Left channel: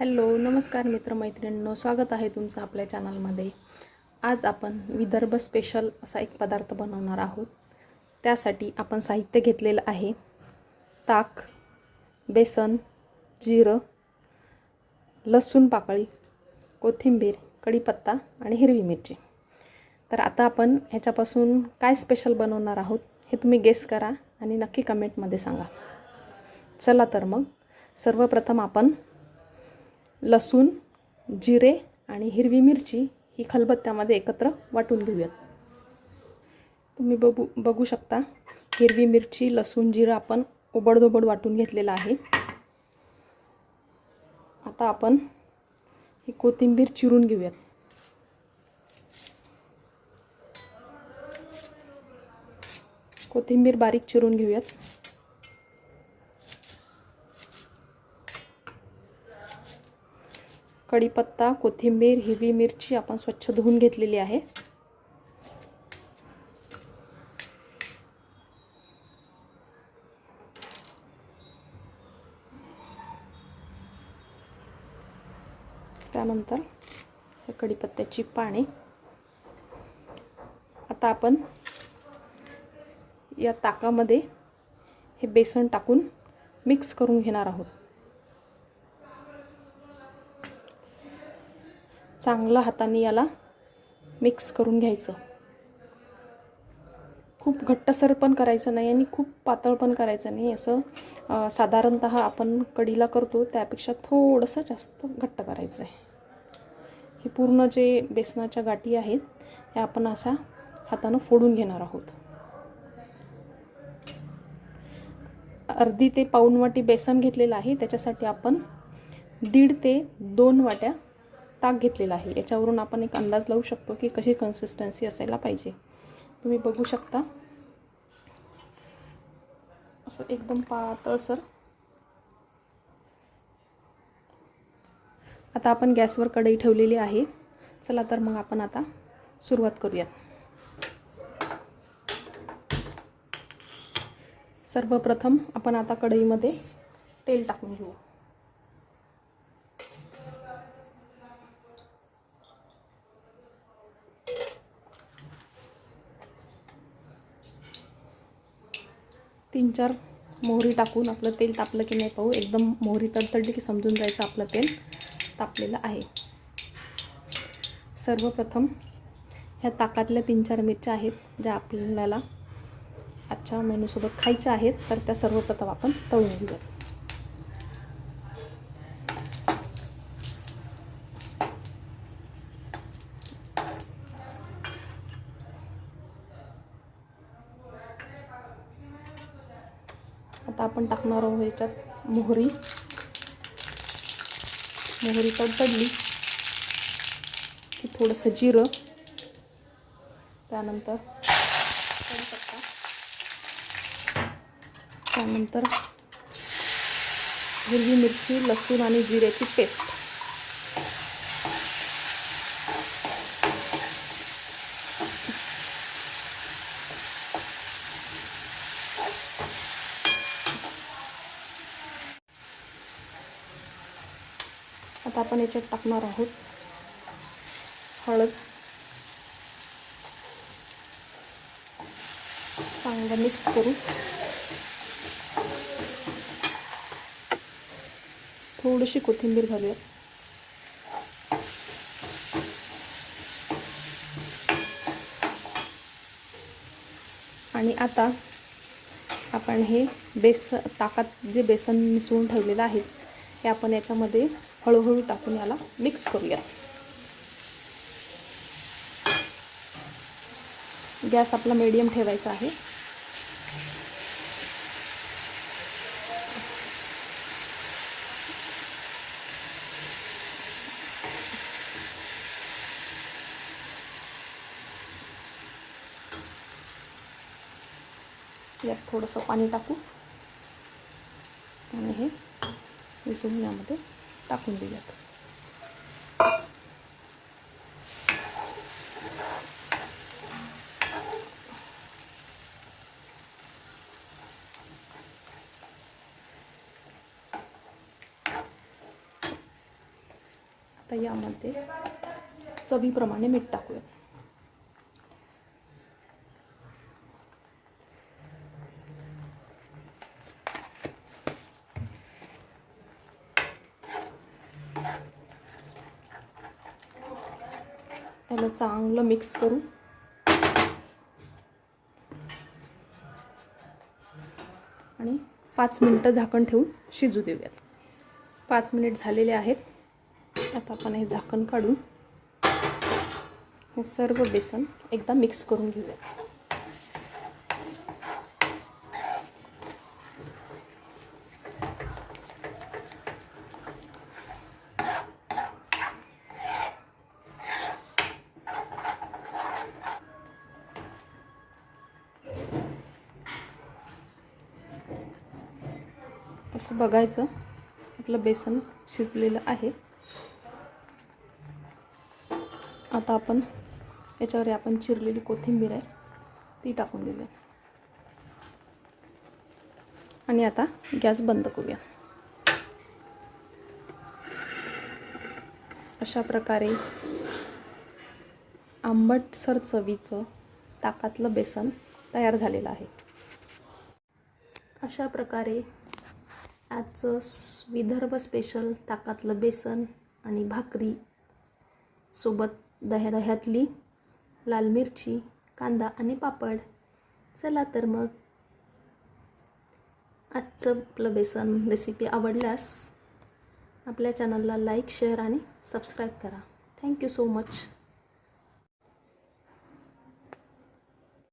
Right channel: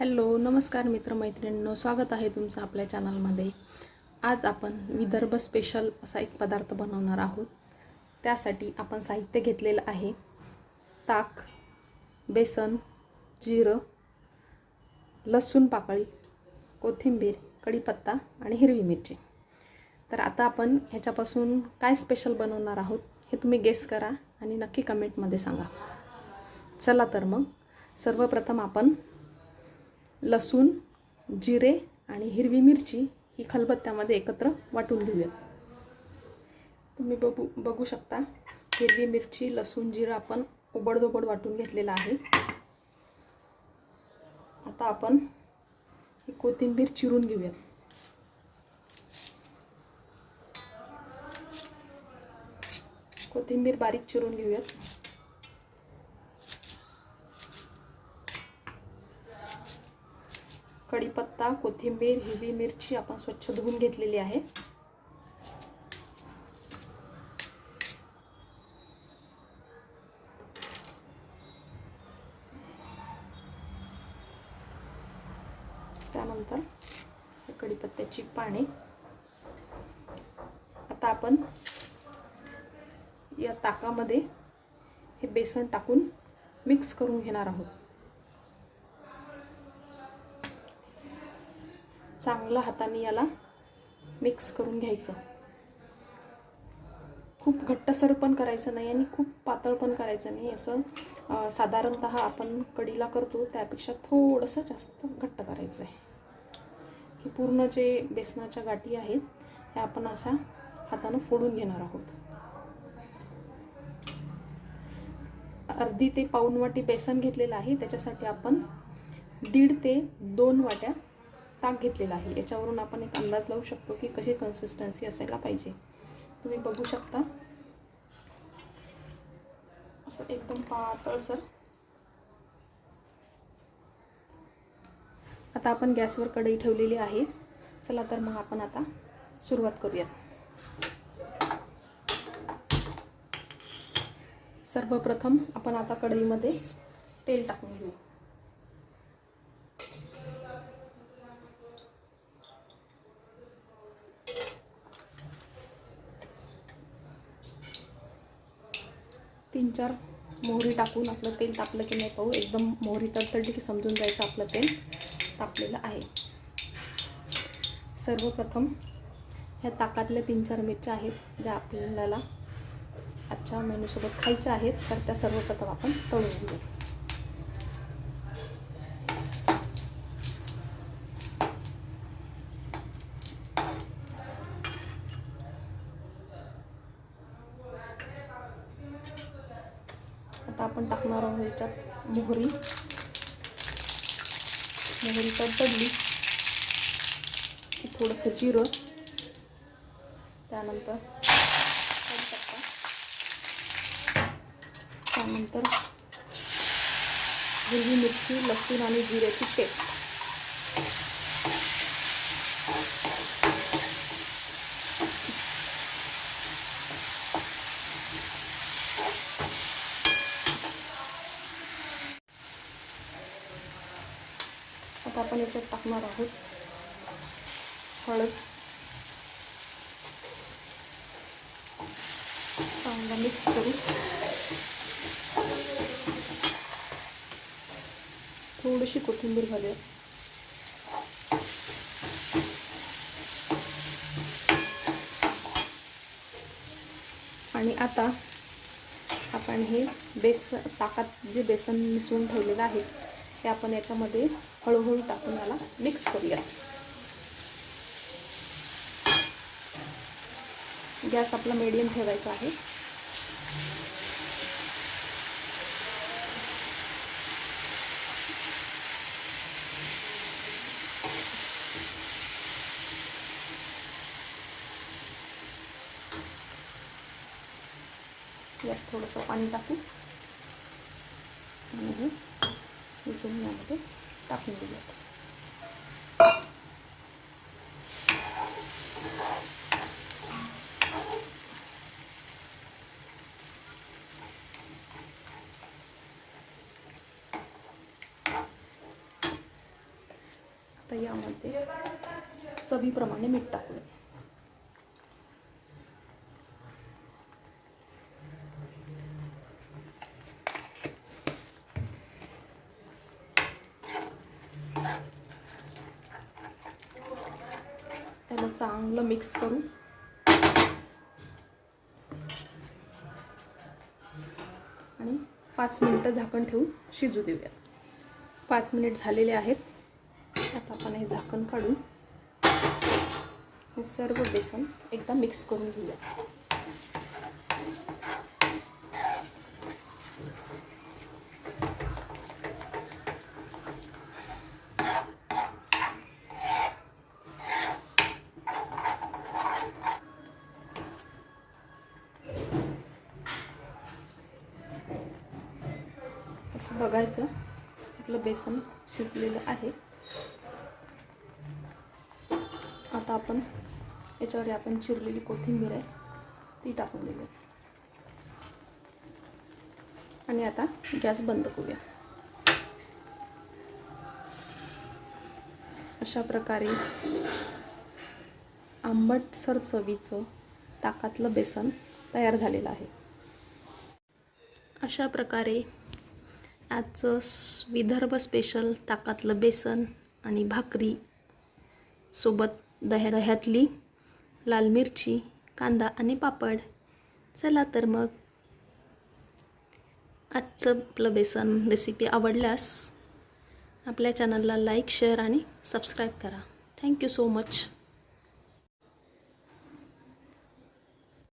Hello नमस्कार मित्रमैत्रिणींनो, स्वागत आहे तुमचं आपल्या चॅनलमध्ये। आज आपण विदर्भ स्पेशल असा एक पदार्थ बनवणार आहोत। त्यासाठी आपण साहित्य घेतलेलं आहे ताक, बेसन, जिरं, लसूण पाकळी, कोथिंबीर, कढीपत्ता आणि हिरवी मिरची। तर आता आपण ह्याच्यापासून काय स्पेशल बनवणार आहोत हे तुम्ही गेस करा आणि नक्की कमेंटमध्ये सांगा। चला तर मग सर्वप्रथम आपण लसूण, जिरे आणि हिरवी मिरची ही खलबत्त्यामध्ये एकत्र वाटून घेऊयात। तुम्ही बघू शकता हिरवी मिरची, लसूण, जिरा आपण ओबडधोबड वाटून घेतलेला आहे। आता आपण ही कोथिंबीर चिरून घेऊयात। कोथिंबीर बारीक चिरून घेऊयात। कढीपत्ता, कोथिंबीर, हिरवी मिरची आपण स्वच्छ धुवून घेतलेली आहे। त्यानंतर हे कढीपत्त्याची पाने। आता आपण या ताकामध्ये हे बेसन टाकून मिक्स करून घेणार आहोत। चांगलं हाताने याला मिक्स करून घ्यायचं। खूप घट्टसर पण करायचं नाही आणि खूप पातळ पण करायचं नाही। असं साधारणतः आपण कढीला करतो त्यापेक्षा थोडंसं जास्त घट्ट करायचं आहे। हे पूर्ण जे बेसनाच्या गाठी आहेत हे आपण असा हाताने फोडून घेणार आहोत। अर्धी ते पाऊण वाटी बेसन घेतलेलं आहे, त्याच्यासाठी आपण 1.5 ते 2 वाट्या ताक घेतलेला आहे। याच्यावरून आपण एक अंदाज लावू शकतो की कशी कन्सिस्टन्सी असायला पाहिजे। तुम्ही बघू शकता असं एकदम पातळसर। आता आपण गॅसवर कढई ठेवलेली आहे। चला तर मग आपण आता सुरुवात करूया। सर्वप्रथम आपण आता कढईमध्ये तेल टाकून घेऊ। तीन चार मोहरी टाकून आपलं तेल तापलं की नाही पाहू। एकदम मोहरी तडतडली की समजून जायचं आपलं तेल तापलेलं आहे। सर्वप्रथम ह्या ताकातल्या 3-4 मिरच्या आहेत ज्या आपल्याला आजच्या मेनूसोबत खायच्या आहेत, तर त्या सर्वप्रथम आपण तळून घेऊ। आता आपण टाकणार आहोत याच्यात मोहरी। मोहरी तडतडली की थोडंसं जिरं, त्यानंतर कढीपत्ता, त्यानंतर हिरवी मिरची, लसूण आणि जिऱ्याची पेस्ट। आता आपण याच्यात टाकणार आहोत हळद। चांगलं मिक्स करू। थोडीशी कोथिंबीर घालूया। आणि आता आपण हे ताकात जे बेसन मिसळून ठेवलेलं आहे हे आपण याच्यामध्ये हळूहळू टाकून याला मिक्स करूया। गॅस आपला मीडियम ठेवायचा आहे। यात थोडंसं पाणी टाकू आणि हे मिसळून यामध्ये टाकून देऊयात। तर यामध्ये चवीप्रमाणे मीठ टाकूया. याला चांगलं मिक्स करू आणि 5 मिनिटं झाकण ठेवून शिजू देऊया. 5 मिनिट झालेले आहेत. आता आपण हे झाकण काढून हे सर्व बेसन एकदा मिक्स करून घेऊया. असं बघायचं आपलं बेसन शिजलेलं आहे. आता आपण याच्यावर आपण चिरलेली कोथिंबीर आहे ती टाकून देऊया आणि आता गॅस बंद करूया. अशा प्रकारे आंबटसर चवीचं ताकातलं बेसन तयार झालेलं आहे. अशा प्रकारे आजचं विदर्भ स्पेशल ताकातलं बेसन आणि भाकरी सोबत दह्यातली लाल मिरची, कांदा आणि पापड. चला तर मग आजचं आपलं बेसन रेसिपी आवडल्यास आपल्या चॅनलला लाईक, शेअर आणि सबस्क्राईब करा. Thank you so much.